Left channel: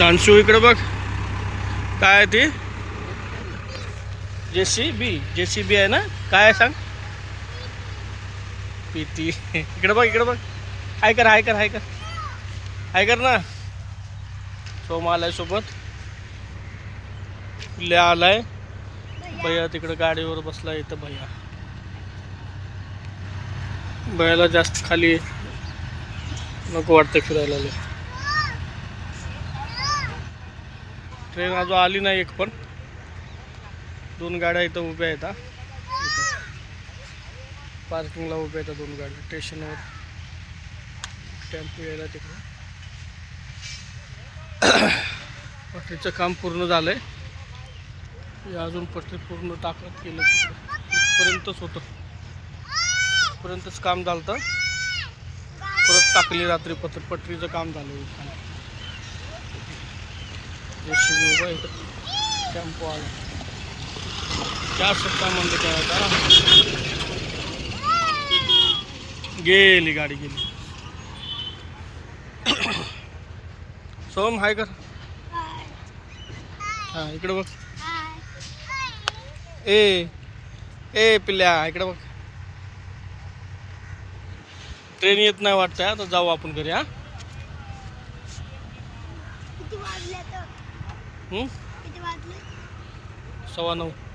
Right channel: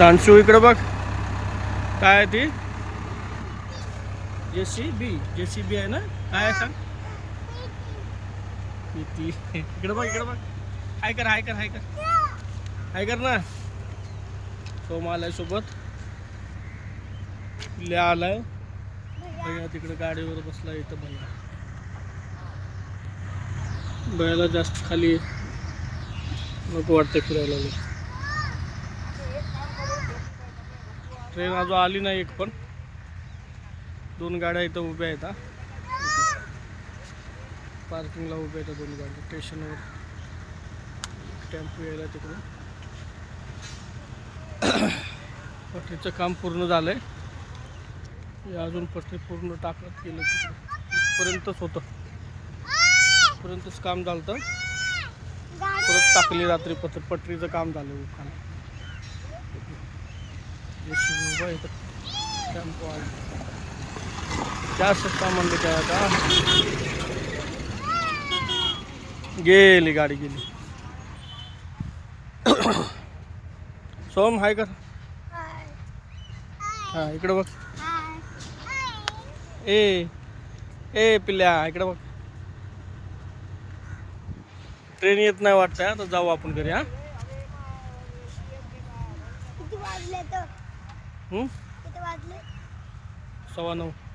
नानशू इकडे बघ काय आहे ती जेसीबी आहे ना काय आहे सांग पीती इकडे बघ हाय कर ना सोम आलाय सोबत पिल्ल्या आलाय भैया तिकडे गाडीवर बसला इथं भैयाला जास्त खाली नको वाटतं फिरायला ट्रेन अजून आली नाही एक पण 2 गाड्या इथं उभ्या आहेत इथं पार्किंगला उभ्या आहेत 2 गाड्या स्टेशनवर टेम्पो यायला तिकडं पटरीचं काम पूर्ण झालंय अजून पटरी पूर्ण टाकत केलं तिकडं इथपर्यंतच होतं इथपर्यंतच काम झालं तर परत टाकली रात्री पटरीचं काम झालं जेसीबी उभा इथं टेम्पो आला क्या सकता म्हणलं तेव्हा गेली गाडी गेली सोम हाय कर हा इकडे बघ ए पिल्ल्या इकडे बघ ट्रेन येत नाही वाटतं आता जाऊ आपण घरी हा 9:15